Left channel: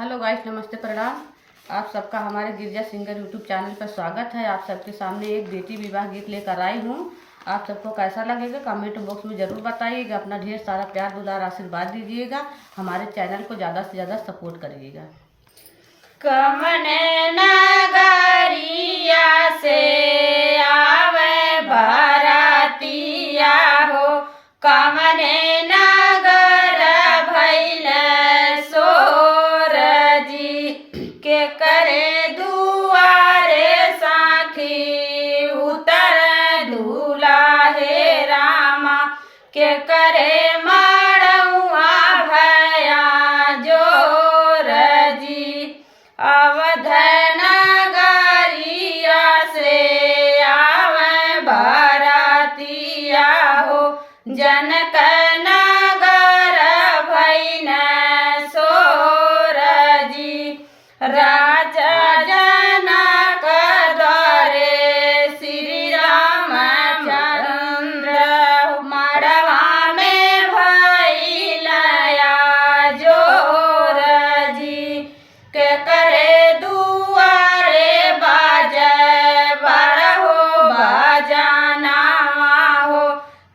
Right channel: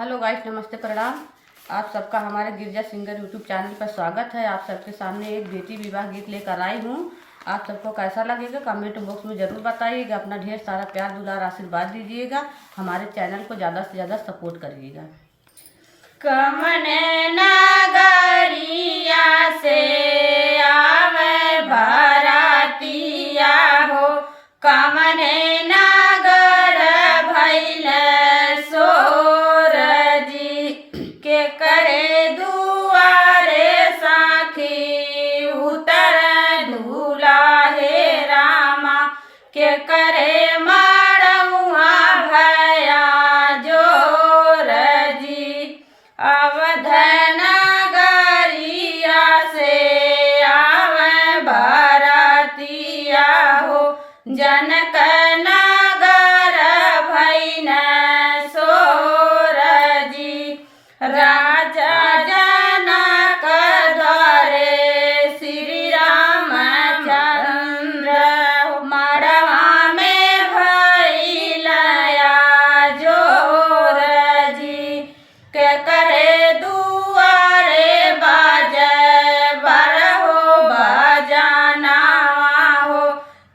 Hello guys, नमस्ते, प्रणाम। आप सबका हमारे गिरजा सिंगर यूट्यूब चैनल पर स्वागत है। आप सबके सामने एक बेटी विवाह गीत लेकर आई हूँ। आप सबको कैसा लगेगा कमेंट बॉक्स में ज़रूर बताइएगा। अपना ढेर सारा प्यार दुलार आशीर्वाद दीजिएगा। हमारे चैनल को ज़्यादा से ज़्यादा सपोर्ट करिएगा। कमने नगरिया से आवे बरातिया हो, कमने नगर भइल सोर जी के करे दुआरे साखी उतर दूल्हा हे रामा के करे मारहुआ भया जोर जी। अवध नगरिया से आवे बरातिया हो, जनक नगर भइल सोर जी। राजा जनक द्वारे श्री रामचंद्र मड़वा में भइल जोर जी के करे दुआरे बाजे बरहो बजानावा हो,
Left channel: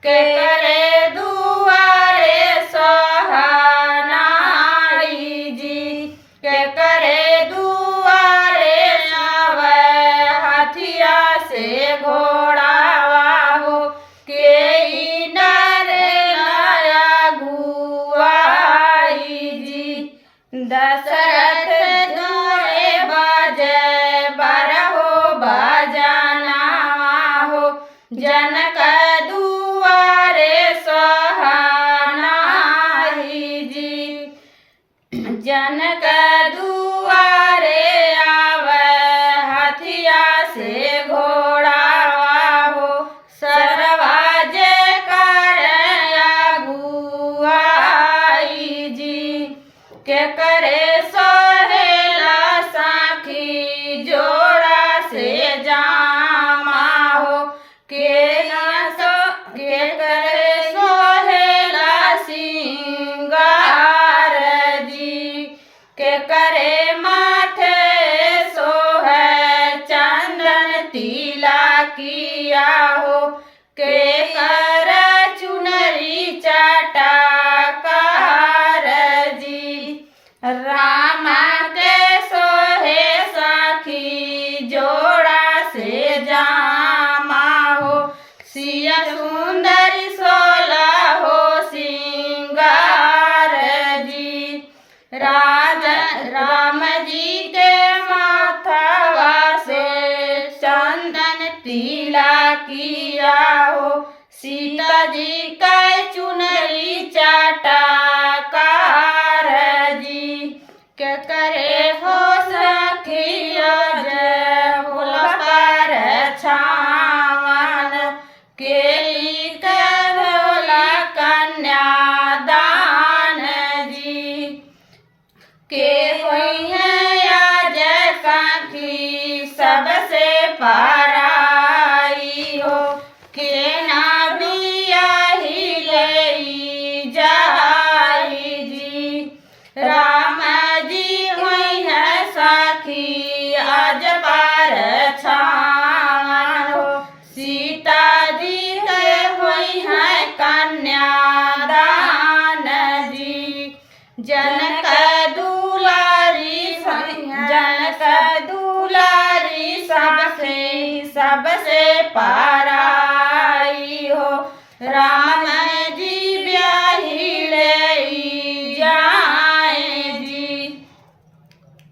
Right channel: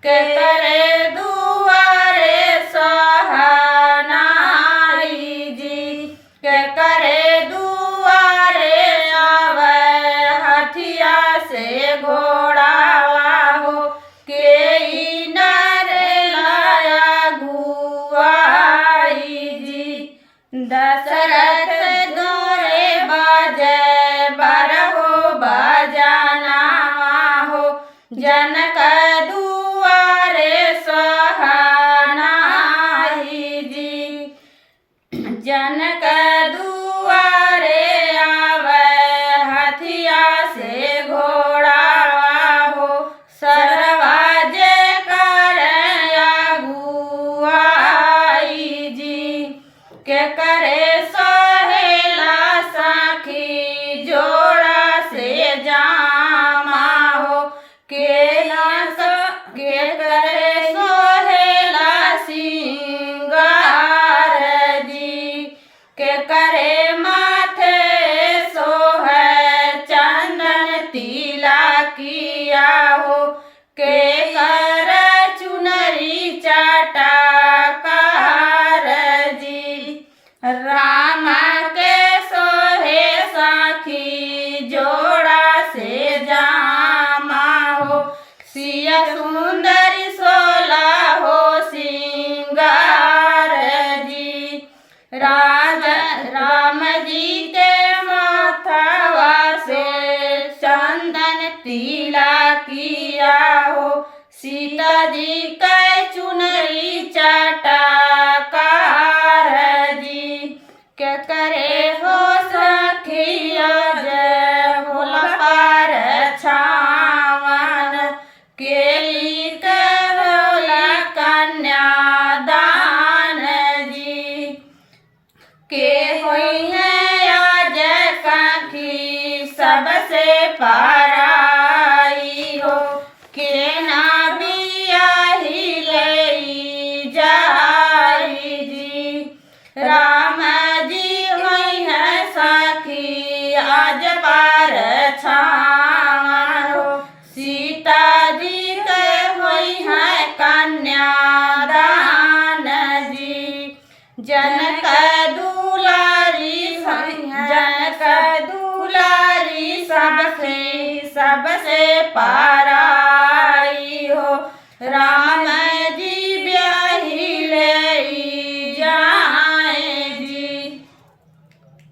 के करे दुआरे सहनाई जी, के करे दुआरे आवे हथिया से घोड़ावा हो, के नर लाया गुआई जी। दशरथ द्वारे बाजे बरहो बजानावा हो, जनक दुआरे सहनाई जी। जनक दुआरे आवे हथिया से घोड़ावा हो, सरवाजे करे अगुआई जी, के करे सोहेला साखी जोड़ा से जामा हो, के करे सोहेला सिंगार जी, के करे माथे सोहे चंदन तिला किया हो, के कर चुनरी चटकार जी। राम के सोहे साखी जोड़ा से जामा हो, सिया सुंदरी सोला हो सिंगार जी। राम जी के माथवा से चंदन तिला किया हो, सीता जी के चुनरी चटकार जी, के करे हो सखिया जय होला पर छावन, के लिख होला कन्यादान जी, के होई है आज सखी सबसे पराई हो, के ना बियाही ले जाई जी। राम जी होई है सखी आज पार छावन हो, सीता जी के होई है कन्यादान जी। जनक दुलारी सबसे पारा